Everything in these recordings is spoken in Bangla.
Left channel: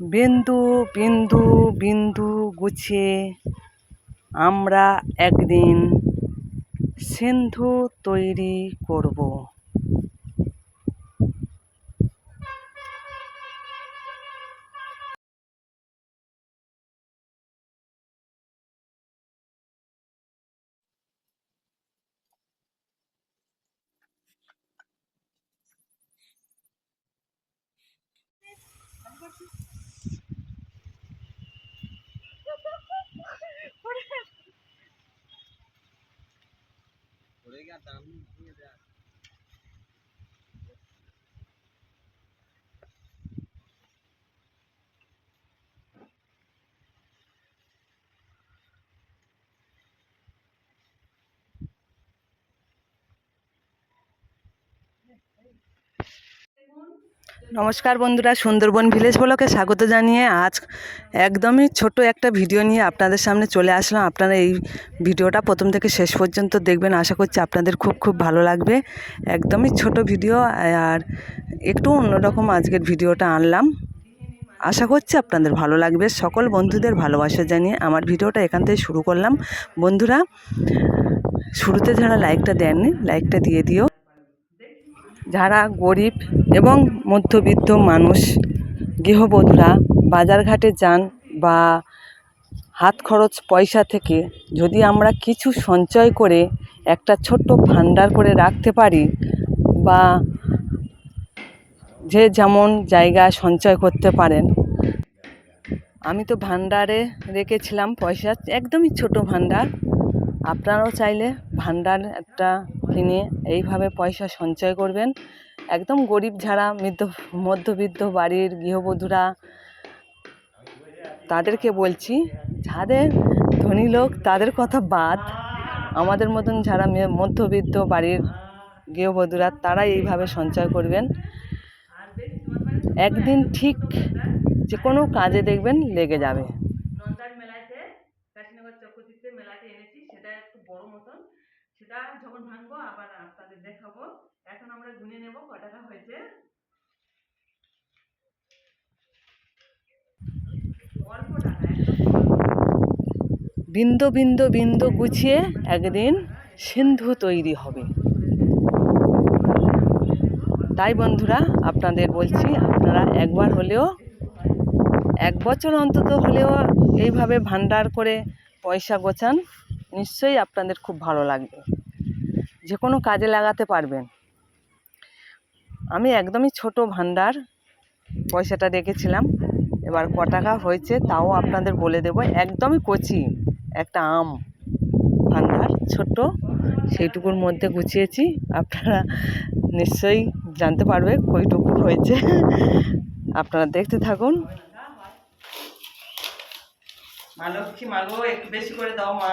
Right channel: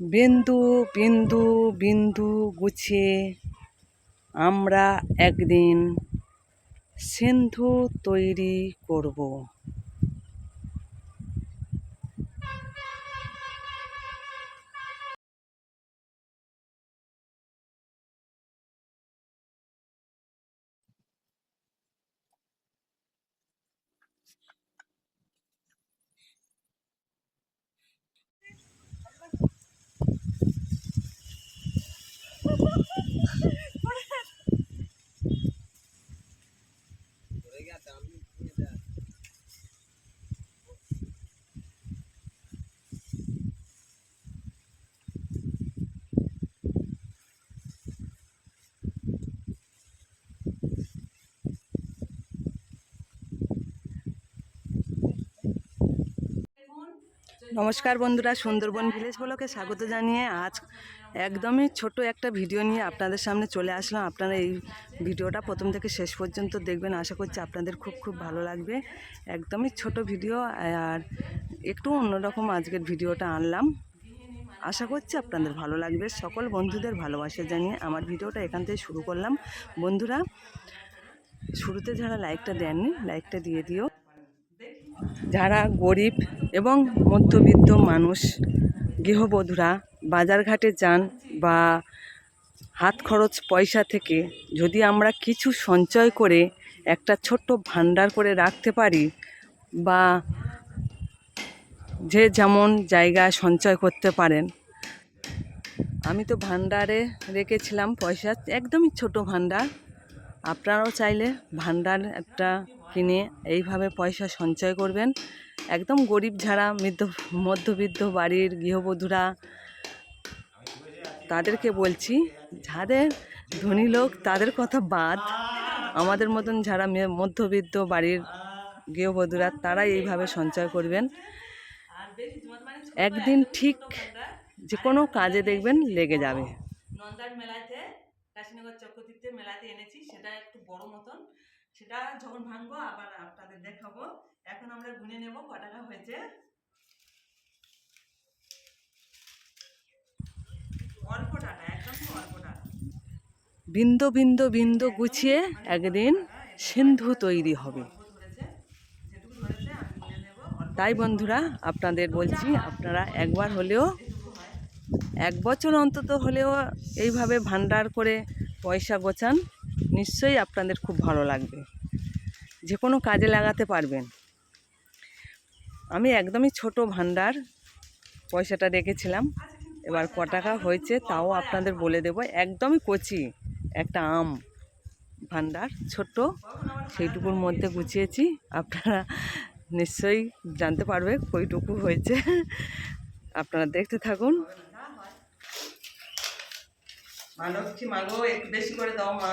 বিন্দু বিন্দু বিন্দু গুছিয়ে আমরা একদিন সিন্ধু তৈরি করব। নমস্কার বন্ধুরা, সুন্দরবন ভিলেজ ব্লগে স্বাগত জানিয়ে আজ একদমই ছোট একটা ভিডিও নিয়ে আপনাদের সামনে চলে আসলাম। আপনারা এই ভিডিওটা প্রথম থেকে শেষ পর্যন্ত দেখবেন, আশা করছি আপনাদের খুব খুব ভালো লাগবে। একদমই ছোট ভিডিও আর একটু অন্যরকম আজকের ভিডিওটা আনলাম, আশা করছি আপনাদের ভালো লাগবে। সকল বন্ধুদের ভালোবাসা জানিয়ে আমার ভিডিওটা এখান থেকে শুরু করলাম। বন্ধুরা, শুরুতে যারা লাইকটা দেননি লাইকটা দিয়ে দিও। যারা গরিব এবং মধ্যবিত্ত মানুষ, গৃহবধূরা বাজারঘাটে যান বা হাত খরচ পয়সা থেকে যদি আমরা কিছু সঞ্চয় করে একটা ছোট্ট ভান্ডার করে রাখতে পারি, বা যে যেমন জায়গায় সঞ্চয় করতে পারেন। আমি তো ভান্ডারে রেখেছিলাম পয়সা, একদমই ছোট ভান্ডার। আপনারাও চাইলে ভান্ডার একটা কিনে এইভাবে পয়সা সঞ্চয় করবেন। একদম গরিব যারা মধ্যবিত্ত বাড়ির গৃহবধূরা, তাদেরকে বলছি, যাদের ধনী লোক তাদের কথা বাদ, আমাদের মতন যারা মধ্যবিত্ত বাড়ির গৃহবধূরা তারা এইভাবে সঞ্চয় করবেন। একদিন ঠিক যে কোনো কাজে দেখবেন লেগে যাবে। নন্দার মেলাতে, কাশীনগর চক্রতীর্থের মেলাতে এনেছি, সেটা একটু বড় মতন। সেটা যখন ভাঙবো আবার আপনাদের দেখাবো। এখন আমরা গুনে নেব ক টাকা হয়েছে। অল্প টাকা, একদম বিন্দু বিন্দু বিন্দু গুছিয়ে একদিন সিন্ধু তৈরি হবে। তাই বন্ধুরা, আপনাদের বলছি, আপনারা একবার হলেও, এক বছর অন্তত হলেও এইভাবে ভান্ডার করে পয়সা গোছান, নিশ্চয়ই আপনাদের খুব ভালো লাগবে, যে কোনো কাজে লাগাতে পারবেন। আমি একদমই ছোট ভান্ডার পয়সাটা রেখেছিলাম, এবার ক টাকা হয়েছে তাও আপনাদের বলে দেব। একদমই কচি একটা আম ভান্ডার, ছোট্ট, সেইটুকুর মধ্যে গুছিয়েছি। আপনারা নিশ্চয়ই জানতে পারবে কইটুকু হয়েছে। আপনারা দেখতে থাকুন। মা লক্ষ্মী, মাগো একটু বেশি করে দাও মা।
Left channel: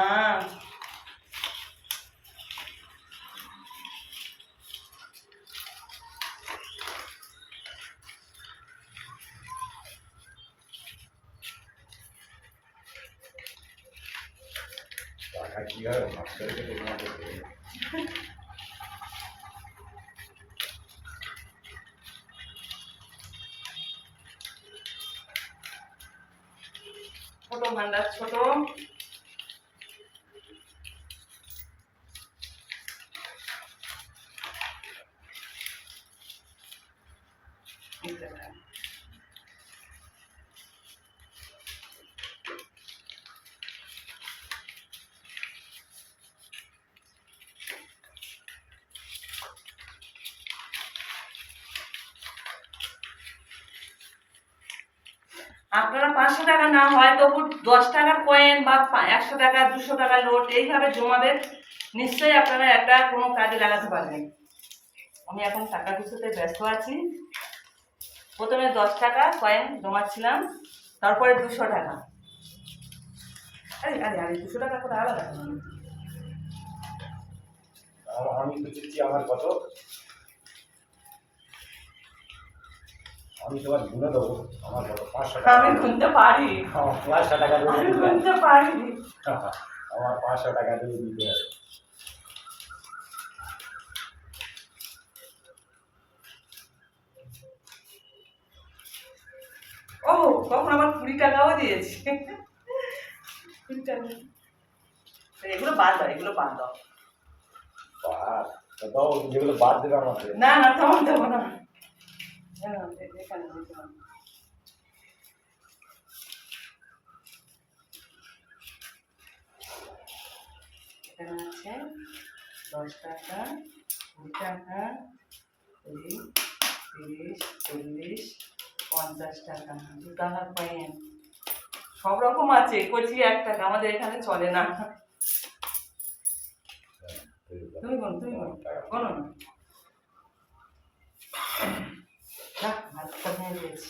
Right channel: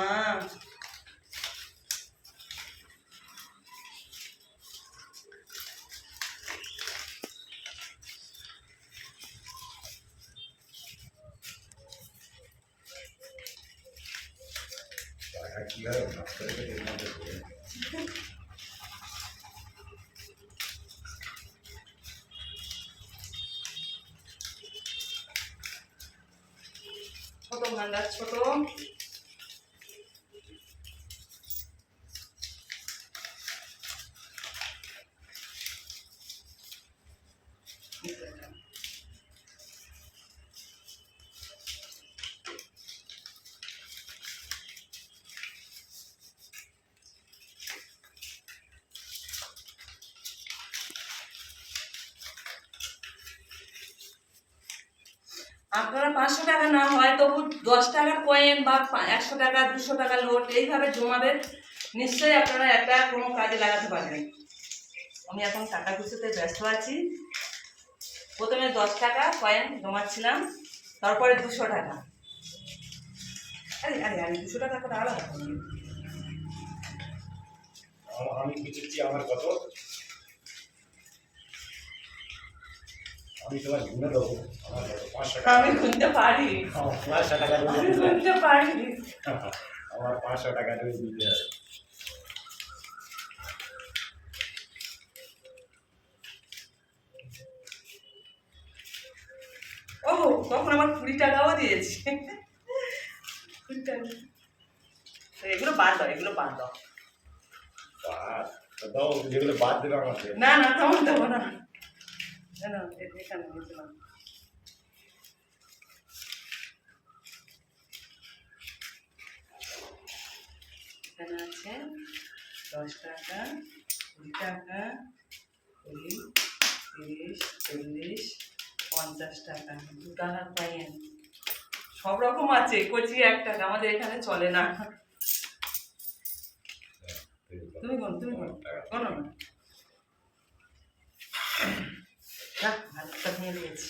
ছোট ভান্ডার, ছোট। আপনারা 500 টাকা না হয় তবু 10 টাকার কয়েন বা 100 টাকা 200 টাকা নোট এইভাবে জমাবেন, নিশ্চয়ই আপনারা একটা কোনো কাজে লাগাতে পারবেন। আমি এখন টাকা গুছোতে ব্যস্ত আছি। প্রথমে 10 টাকা কয়েন জমাচ্ছিলাম, তারপরে 200 টাকা। আরে আরে আরে 200 টাকা করে আলাদা। আমি বুঝেছি আমার কত, আমি তোমার গুনে দেবো। আমার কত 500 টাকা। আমি গুনতে পারি, আমার 500 টাকা আমি গুনতে পারি। আমার 500 টাকা দিয়ে দিতে হবে। ও তখন আবার 20 টাকাও দিয়েছি। 20 টাকা। তো এগুলো বাদ দাও, এগুলো বাদ দাও। বাদ তো দাও, যেগুলো বাদ দেবে আমাকে। না না, তখন দেবো না। না না, এখানে নিচে নাও। এখানে আছে 10 টাকা, 20 টাকা, 20, 30, 40, 50 টাকা, 2 টাকার কয়েন, সব রকম আছে। কচি 1 টাকা, আমাদের এখানে চলে না। তুমি কোন কোনো না। ভাতটা ভেঙে দিয়েছি।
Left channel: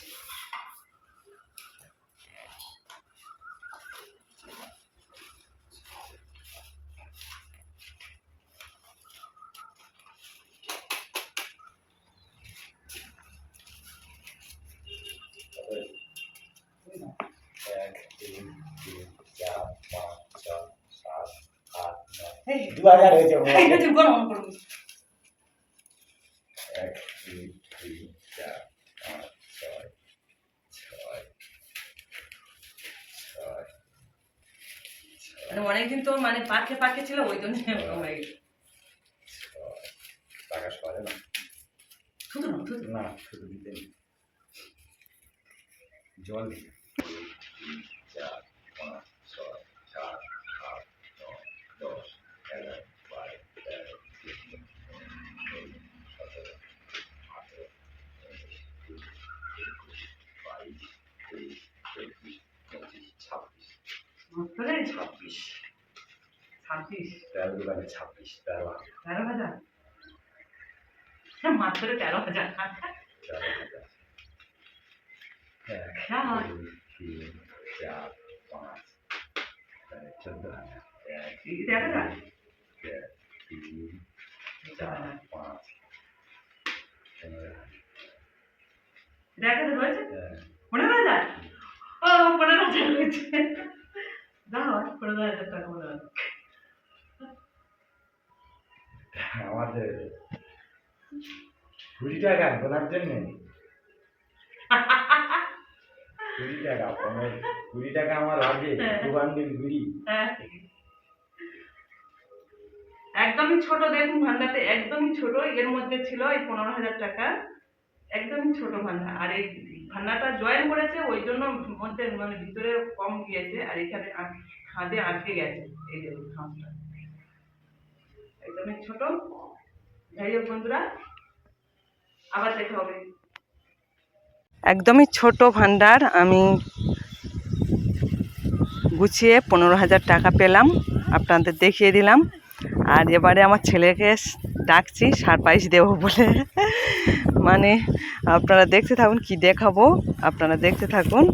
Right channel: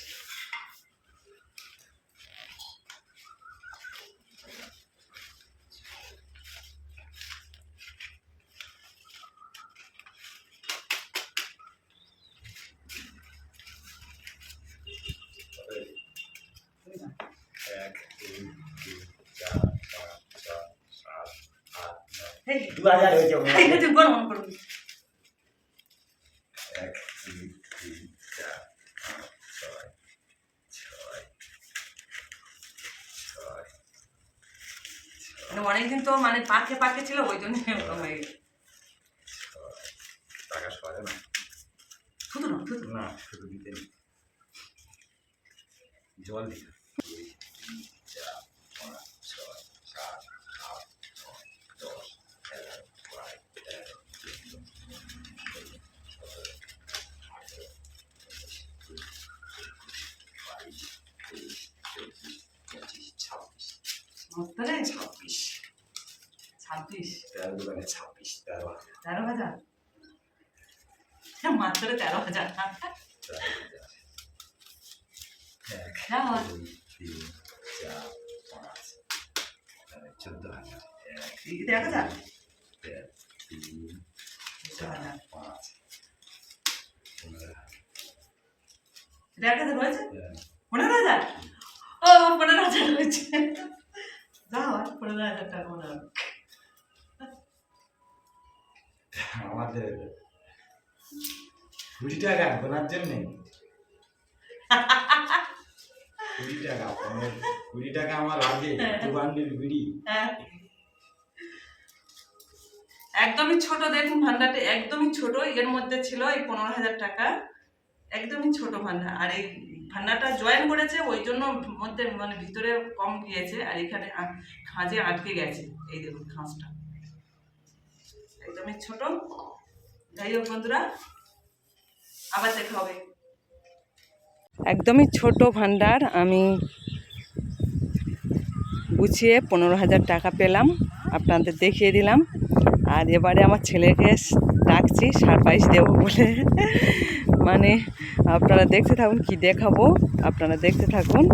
এক, দুই, তিন, চার, পাঁচ, ছয়, সাত, আট, নয়। এই 2000 হয়েছে মনে হয়। এই তুমি কোনো মনে করো। 1, 2, 3, 4, 5, 6, 6, 6, মানে অনেকদিন তো মানে পাকে পাকে ছিল, ওই জন্য এরকম হয়ে গেছে। টাকা সরে না। শুধু না, শুধু না, শুধু দিতে নেই। জল দিই। 2, 3, 4, 5, 6, 7, 8, 9, 10, 11, 12, 13, 14, 15, 16, 17, 18, 19, 20, 21, 22, 23, 24, 25, মাত্রে 26, 26, 13 দোকানে 26, 13 13,000, মাত্র 13,000 টাকা। 13,000। 1, না 2, 3, 4, 5, 14,000। 1, দেখা যাক 2, 3, 4, 5, 15,000। দেখা যাক রয়েছে 1, 15,000। ও 15,000 রয়েছে। যাও 15,000 টাকা মনে হয়। আমাদের 20 টাকা গোনার জন্য 20 টাকা, 20 টাকা আমার লাগে। দোকানে বিড়ি হ্যাঁ, একদমই ছোট, দেখুন ভান্ডারটা একদমই ছোট। এর মধ্যে ছিল এই 15,000 টাকা, একদমই ছোট ভান্ডার। আর এই ভান্ডারটা জয়েন করেছে, ওই জন্য মধ্যে মানে ভিতরে কম গিয়েছে, আর এখানে খাঁজে আটকে গেছে। এই দেখুন খাঁজটা একদমই ছোট। যাই হোক বন্ধুরা, আবার দেখা হবে। একদমই ছোট ভান্ডার, আমি গুছিয়ে 15,000 টাকা পেলাম, আপনাদের দেখিয়ে দিলাম। আর এবারে আমার ছেলেকে ডাকছি সারপ্রাইজ দেবো বলে। মানে আপনারা দেখতে থাকুন, কি দেখাবো আপনারা দেখতে থাকুন।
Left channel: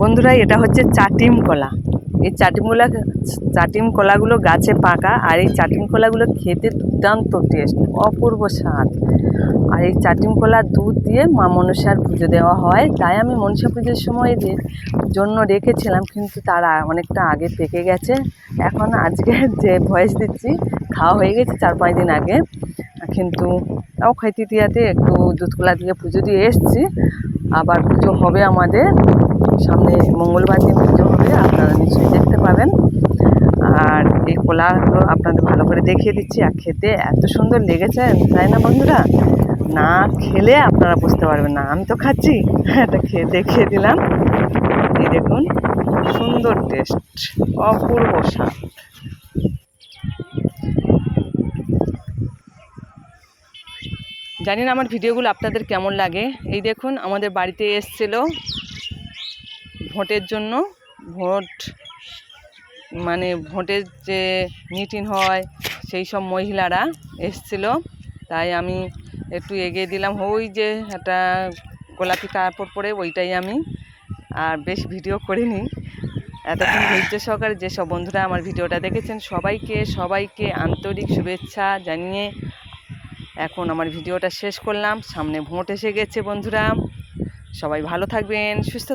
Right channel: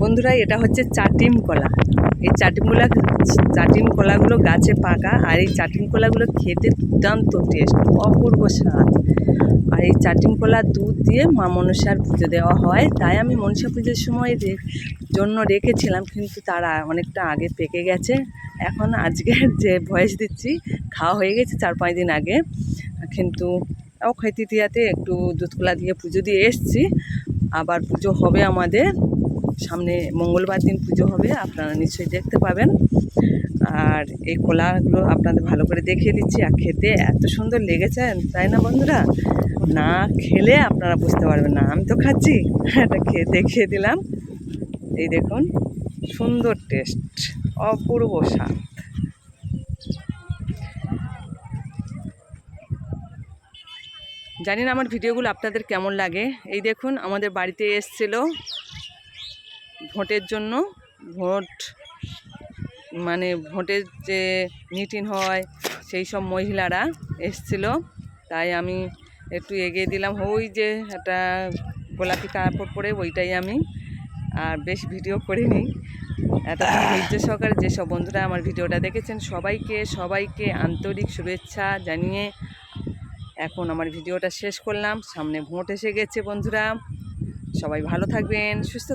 বন্ধুরা, এটা হচ্ছে চাটিম কলা। এই চাটিম কলাগুলো গাছে পাকা, আর এই চাটিম কলাগুলো খেতে দুর্দান্ত টেস্ট, অপূর্ব স্বাদ। আর এই চাটিম কলা দুধ দিয়ে মা মনসার পুজো দেওয়া হয়, তাই আমি মনসা পুজোর সময় জন্য রেখেছিলাম, কিন্তু তারা অনেকটা আগে পেকে গেছে। এখন আজকে যে ভয়েস দিচ্ছি, খাওয়া হয়ে গেছে 4-5 দিন আগে, কিন্তু তাও খাইতে দিয়াতে একটু দুধ কলা দিয়ে পুজো দিয়ে এসছি। আবার পুজো হবে আমাদের সামনে, মঙ্গলবার দিন পুজো হবে, আপনারা নিশ্চয়ই দেখতে পাবেন। আর এই কলাগুলো আপনাদের ভালো করে দেখিয়ে দিচ্ছি। আর খেতে এত সুন্দর লেগেছে, তাই না বন্ধুরা? না খেলে আপনারা বুঝতে পারবেন না। আমি তো খাচ্ছি, এটা খেয়ে দেখিয়ে দিলাম। এই দেখুন, সুন্দর টেস্ট, অপূর্ব স্বাদ। জানি না আমার ভিডিওগুলো আপনাদের কেমন লাগে। এই দেখুন, আমাদের বাড়িতে এসছিল ভোটের জন্য, ভোট মানে ভোটের যে মিটিং হয় সেই সব মহিলারা এসছিল, তাই আমি একটু এগিয়ে দিলাম। ওই যে একটা গোলাপি কাপড় পরে, ওইটাই আমি, আর বেশ ভিডিও করিনি। এতক্ষণ ধৈর্য সহকারে যেসব বন্ধুরা আমার ভিডিওটা দেখেছেন সবাইকে আন্তরিক শুভেচ্ছা জানিয়ে এখন আমার ভিডিওটা শেষ করলাম। সামনে ভোট এসে গেছে বন্ধুরা, সবাই ভালো থাকবেন, সুস্থ